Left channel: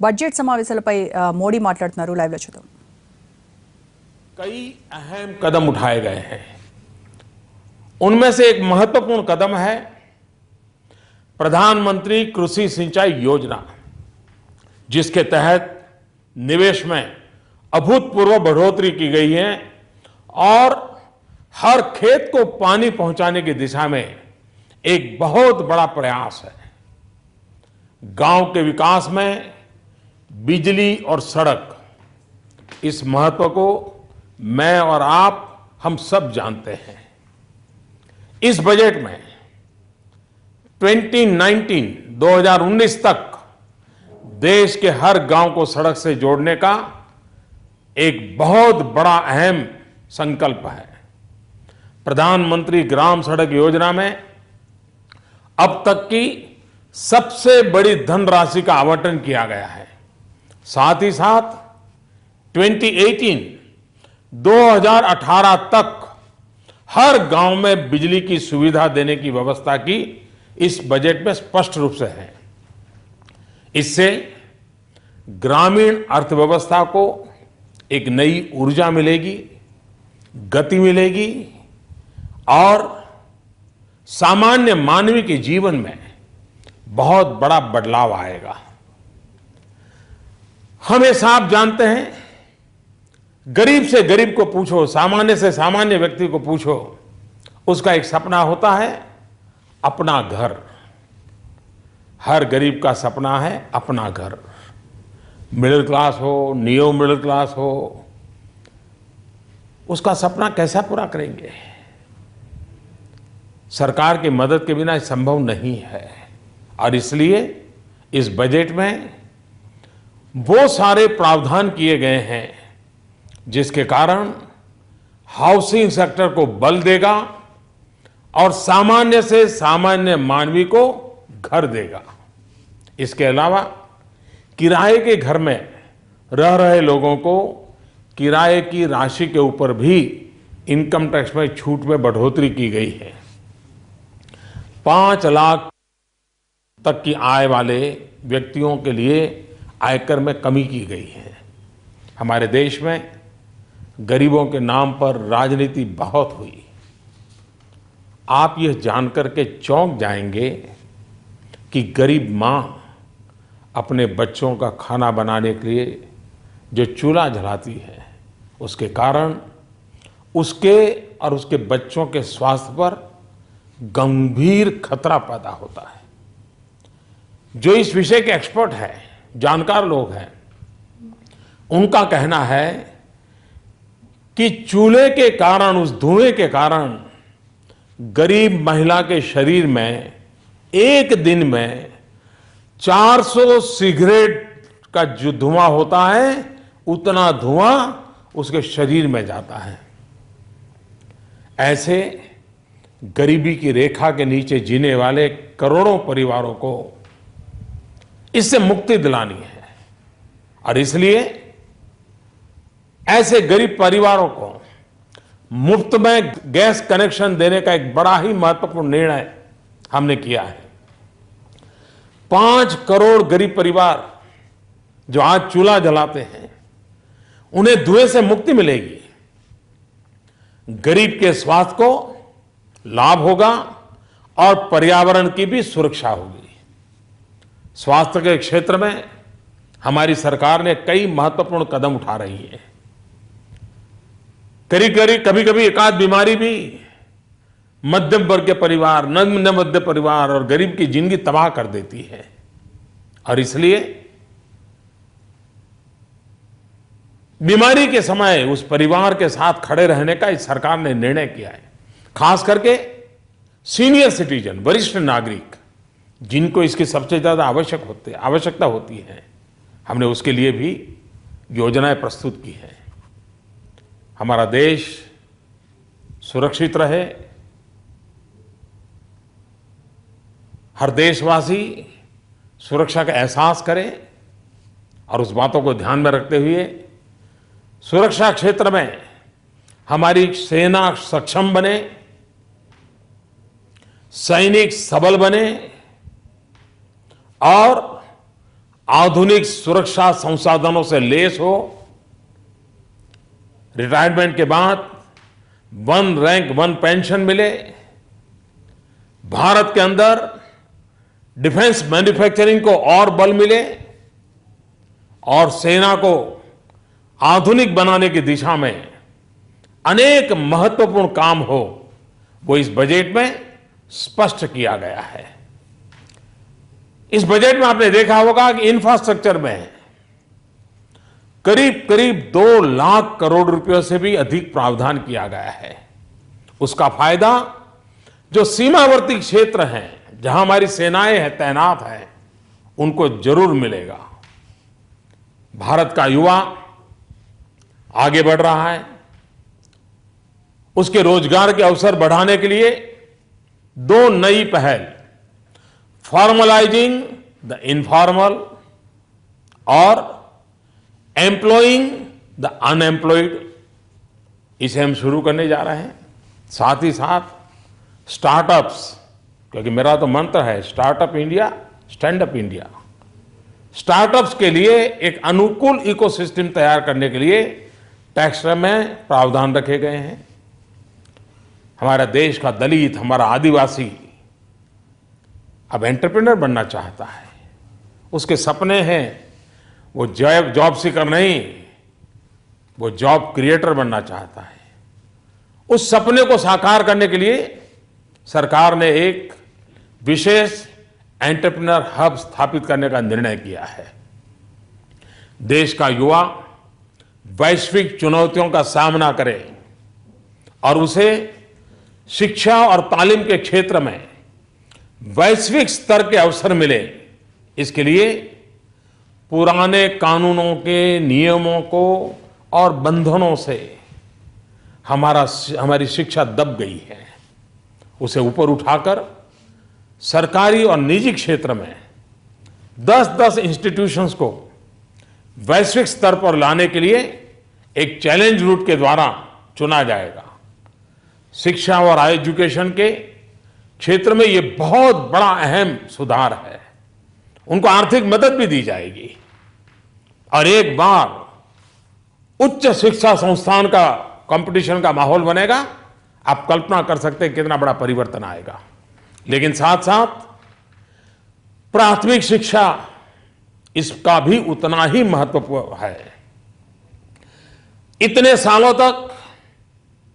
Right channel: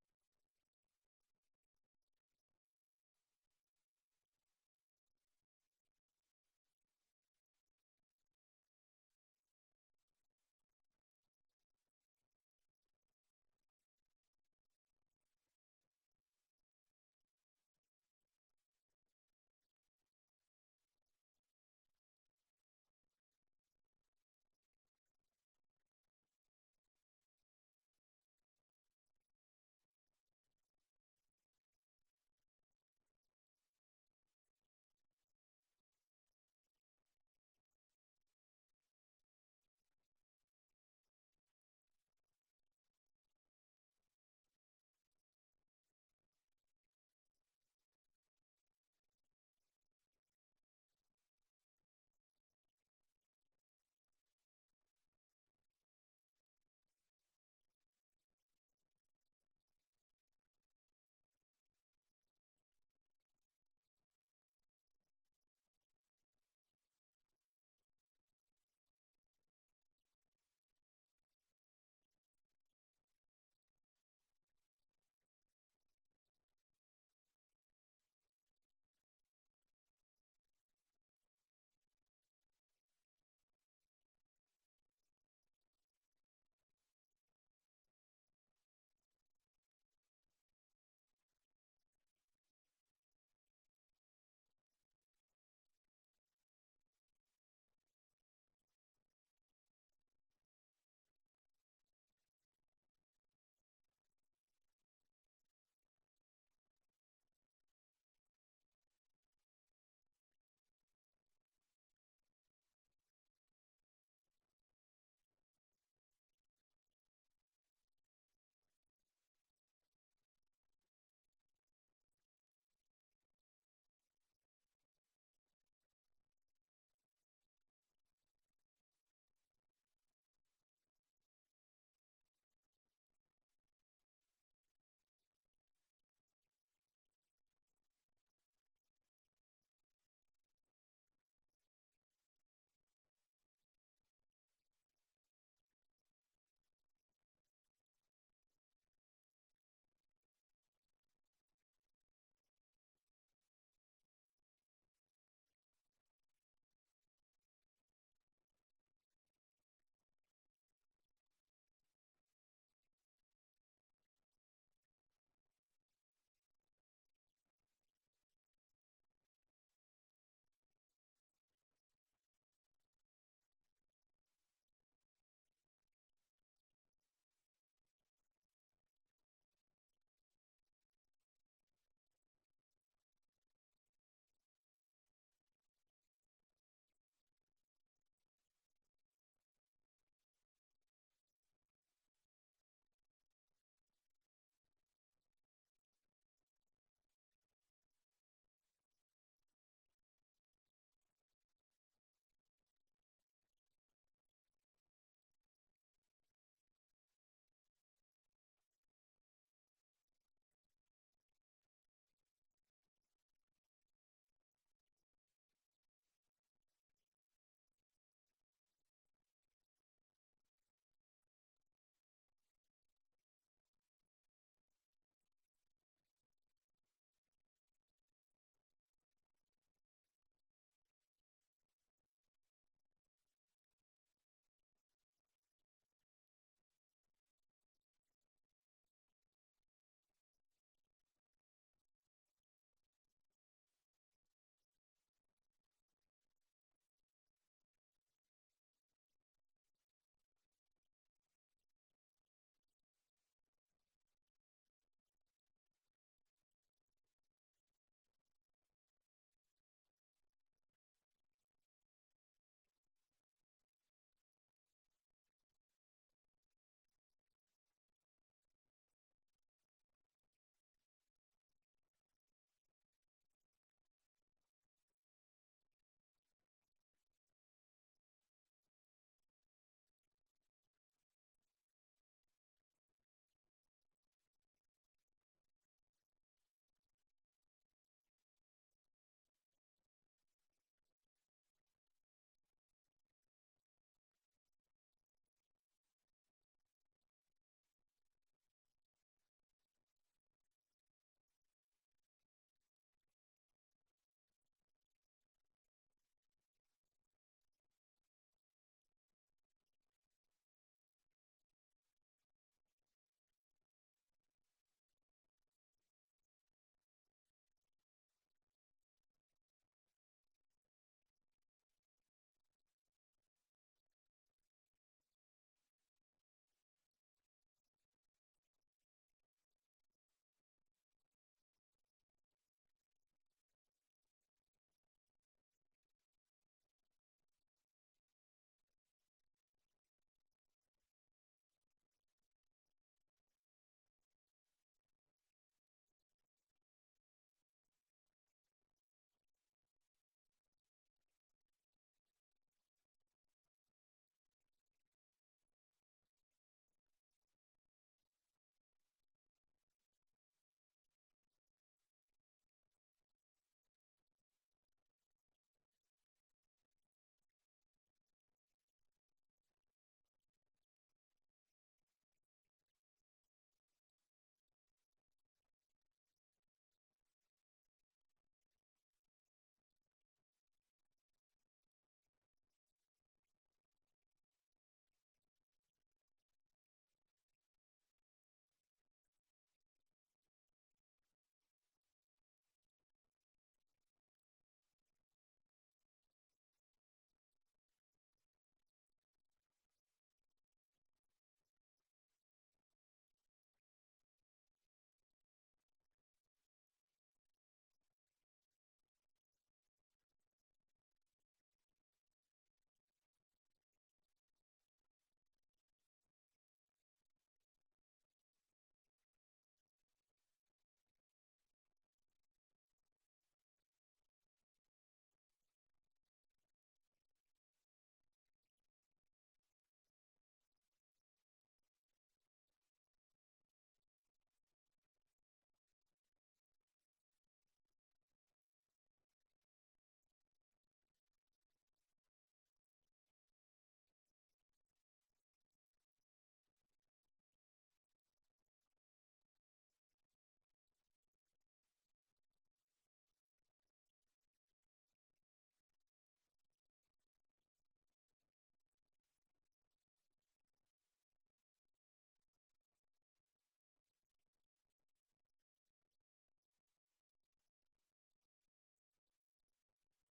Budget సమావేశాలపై Modi మాట్లాడుతున్నారు. Live లో చూద్దాం. कई अहम कदम उठाए गए हैं. उनमें से एक महत्वपूर्ण कदम है प्रधानमंत्री कृषि सिंचाई योजना, जिसके तहत निवेश में अभूतपूर्व बढ़ोतरी की गई है और हर खेत को पानी पहुंचाने की दिशा में एक बहुत बड़ा प्रयास है. गांव के विकास में बिजली और सड़क, इस महत्व को मैं और आप हम सब जानते हैं. इस बजट में 2019 तक देश के हर गांव को सड़क से जोड़ने का एक बहुत बड़ा अहम संकल्प है. प्रधानमंत्री ग्राम सड़क योजना में अब तक की सबसे बड़ी धनराशि का आवंटन किया गया है. साथ ही साथ 2018 तक हर गांव में बिजली की सुविधा देने की व्यवस्था की इस बजट में स्पष्ट रूप से है. इससे ग्रामीण अर्थव्यवस्था को एक नई ऊर्जा मिलेगी, गति मिलेगी और सामान्य मानवी के जीवन में बहुत बड़ा बदलाव आएगा. हम ये साफ जानते हैं, गरीब से गरीब को पूछो, सामान्य से सामान्य व्यक्ति को पूछो, उसका एक सपना होता है अपना घर. हर गरीब का सपना है अपना घर. मिडिल क्लास हो, नियो मिडिल क्लास हो, उसका सपना कैसा पूरा करेंगे? सरकार की मदद के बिना संभव नहीं है. और इसलिए इस बजट में वो सारे प्रावधान किए गए हैं जिसके कारण हाउसिंग सेक्टर को बल देगा और सामान्य से सामान्य मानवी को घर देगा. इसके अलावा किराए के घर में रह रहे लोगों को किराए की राशि के ऊपर भी इनकम टैक्स में छूट में बढ़ोतरी की गई है. 5 लाख तक की आय वाले व्यक्तियों के लिए आयकर में कमी की गई है. हमारे देश में गरीबों के नाम पर राजनीति बहुत हुई. आप यह जानकर के चौंक जाएंगे कि गरीब मां अपने बच्चों का खाना बनाने के लिए जो चूल्हा जलाती है, उसके कारण उसके और उसके बच्चों के स्वास्थ्य पर गंभीर खतरा पैदा होता है. जो इस विषय के एक्सपर्ट हैं, जानकार लोग हैं, उनका कहना है कि चूल्हे के कारण, उस धुएं के कारण गरीब महिला के शरीर में एक दिन में 400 सिगरेट का जो धुआं होता है, उतना धुआं उसके शरीर में जाता है. ऐसे गरीबी की रेखा के नीचे जीने वाले करोड़ों परिवारों को इससे मुक्ति दिलानी है. और इसलिए ऐसे गरीब परिवारों को मुफ्त में गैस कनेक्शन देने का एक बड़ा ही महत्वपूर्ण निर्णय हमने किया है. 5 करोड़ गरीब परिवार जो आज चूल्हा जलाते हैं, उन्हें धुएं से मुक्ति मिलेगी. गरीब के स्वास्थ्य को लाभ होगा और पर्यावरण की भी सुरक्षा होगी. स्वास्थ्य के क्षेत्र में हमारी सरकार ने कई महत्वपूर्ण कदम उठा रही है. कभी कभी एकाध बीमारी भी मध्यम वर्ग के परिवार, निम्न मध्य परिवार और गरीब की जिंदगी तबाह कर देती है. और इसलिए बीमारी के समय उस परिवार के साथ खड़े रहने का इस सरकार ने निर्णय किया है. खास करके सीनियर सिटीजन, वरिष्ठ नागरिक, जिनको इसकी सबसे ज्यादा आवश्यकता होती है, हमने उसके लिए भी योजनाएं प्रस्तुत की हैं. हमारा देश सुरक्षित रहे, हर देशवासी सुरक्षा का एहसास करे और उस बातों को ध्यान में रखते हुए सुरक्षा क्षेत्र में हमारी सेना सक्षम बने, सैनिक सबल बने और आधुनिक सुरक्षा संसाधनों से लैस हो, रिटायरमेंट के बाद वन रैंक वन पेंशन मिले, भारत के अंदर डिफेंस मैन्युफैक्चरिंग को और बल मिले और सेना को आधुनिक बनाने की दिशा में अनेक महत्वपूर्ण काम हो, वो इस बजट में स्पष्ट किया गया है। इस बजट में आपने देखा होगा कि इंफ्रास्ट्रक्चर में करीब करीब 2 लाख करोड़ रुपयों से भी अधिक प्रावधान किया गया है। उसका फायदा जो सीमावर्ती क्षेत्र हैं, जहां हमारी सेनाएं हैं, तैनात हैं, उनको जरूर मिलेगा। भारत का युवा आगे बढ़ रहा है। उसके रोजगार के अवसर बढ़ाने के लिए 2 नई पहल, फॉर्मलाइजिंग द इनफॉर्मल और एम्प्लॉइंग द अनएम्प्लॉयड, इसे हम शुरू करने जा रहे हैं। साथ ही साथ स्टार्टअप्स, क्योंकि मेरा तो मंत्र है startup India, stand up India. Startups के लिए एक अनुकूल इकोसिस्टम तैयार करने के लिए टैक्स में प्रावधान रखे गए हैं। हमारा देश का दलित, हमारा आदिवासी अब एंटरप्रेन्योर बनना चाहता है। उसके सपने हैं, वो जॉब सीकर नहीं, वो जॉब क्रिएटर बनना चाहता है। उस सपने को साकार करने के लिए सरकार ने एक विशेष एंटरप्रेन्योर हब स्थापित करने का निर्णय किया है। देश का युवा वैश्विक चुनौतियों का सामना करे और उसे शिक्षा और तालीम के क्षेत्र में वैश्विक स्तर के अवसर मिले, इसके लिए पुराने कानूनों के नियमों को और बंधनों से हमारी शिक्षा दब गई है। उसे ऊपर उठाकर सरकारी और निजी क्षेत्र में 10-10 इंस्टीट्यूशंस को वैश्विक स्तर पर लाने के लिए एक चैलेंज रूट के द्वारा चुना जाएगा। शिक्षा और एजुकेशन के क्षेत्र में यह बहुत बड़ा अहम सुधार है। उनको आर्थिक मदद भी दी जाएगी और एक बार उच्च शिक्षा संस्थान का कंपटीशन का माहौल बनेगा। आप कल्पना कर सकते हैं कितना बड़ा परिवर्तन आएगा। लेकिन साथ साथ प्राथमिक शिक्षा, इसका भी उतना ही महत्वपूर्ण है। इतने सालों तक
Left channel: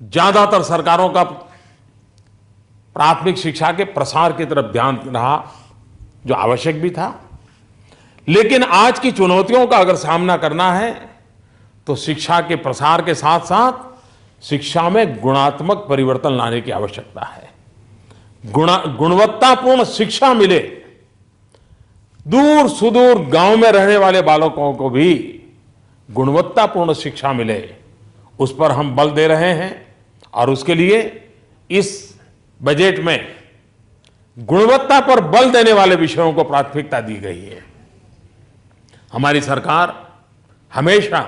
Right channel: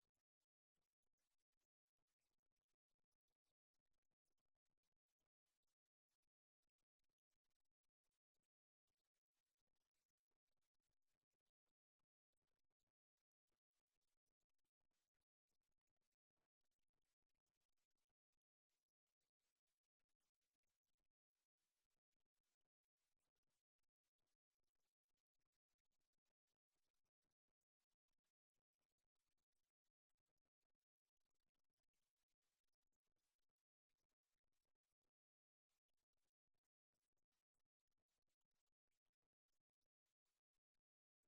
ज्यादातर सरकारों का प्राथमिक शिक्षा के प्रसार की तरफ ध्यान रहा, जो आवश्यक भी था। लेकिन आज की चुनौतियों का अगर सामना करना है तो शिक्षा के प्रसार के साथ साथ शिक्षा में गुणात्मक परिवर्तन लाने की आवश्यकता है। गुणवत्तापूर्ण शिक्षा मिले, दूर सुदूर गांव में रहने वाले बालकों को भी गुणवत्तापूर्ण शिक्षा मिले, उस पर हम बल दे रहे हैं। और उसके लिए इस बजट में गुणवत्ता पर बल देने वाले विषयों को प्राथमिकता दी गई है। हमारी सरकार हमेशा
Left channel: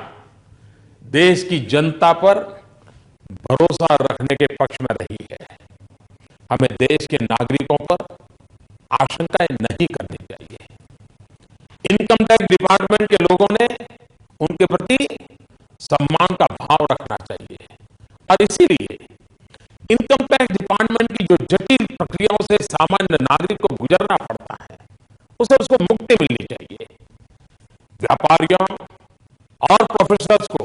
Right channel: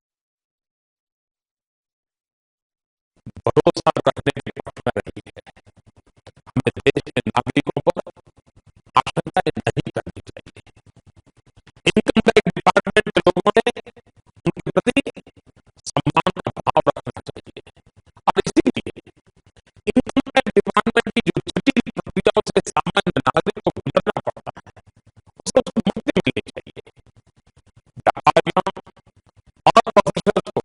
देश की जनता पर भरोसा रखने के पक्ष में रही है। हमें देश के नागरिकों पर आशंकाएं नहीं करनी चाहिए। इनकम टैक्स डिपार्टमेंट के लोगों ने उनके प्रति सम्मान का भाव रखना चाहिए और इसीलिए इनकम टैक्स डिपार्टमेंट की जो जटिल प्रक्रियाओं से सामान्य नागरिक को गुजरना पड़ता है, उसको मुक्ति मिलनी चाहिए। व्यापारियों और प्रोफेशनल्स को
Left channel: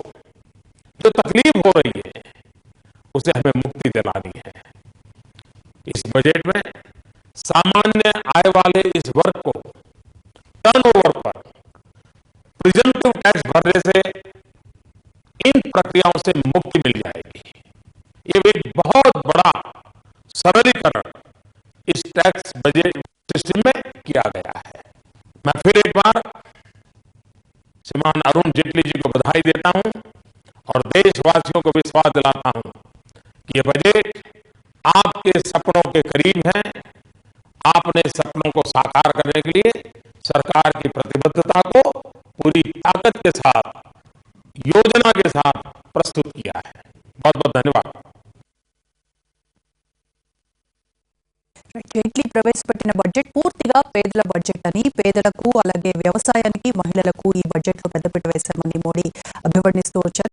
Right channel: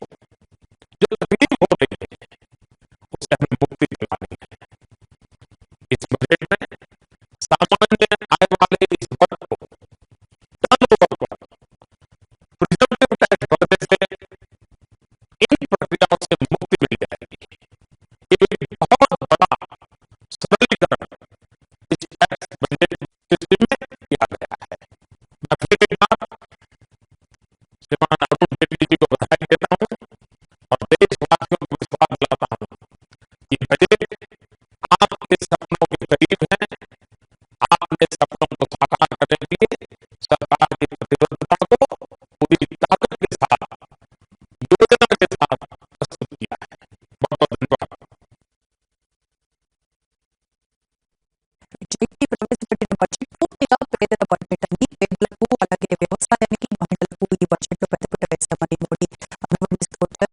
जो तकलीफ हो रही है, उसे हमें मुक्ति दिलानी है। इस बजट में सामान्य आय वाले इस वर्ग को टर्नओवर पर प्रिजम्पटिव टैक्स भरने से इन प्रक्रियाओं से मुक्ति मिल जाएगी। ये एक बहुत बड़ा सरलीकरण इस टैक्स बजट सिस्टम में किया गया है। मैं फिर एक बार श्रीमान अरुण जेटली जी को बधाई देता हूं और देशवासियों को विश्वास दिलाता हूं कि यह बजट आपके सपनों के करीब है। आपने सपनों को साकार करने के लिए सरकार की प्रतिबद्धता को पूरी ताकत के साथ, योजना के साथ प्रस्तुत किया है। बहुत बहुत धन्यवाद। జైట్లీ ప్రవేశపెట్టిన బడ్జెట్ పూర్తిగా పేదల బడ్జెట్ అని, పేదలకు అలాగే వ్యవసాయానికి, మహిళలకు ఈ బడ్జెట్లో పెద్దపీట వేశామని మోడీ అభివర్ణిస్తూ వచ్చారు.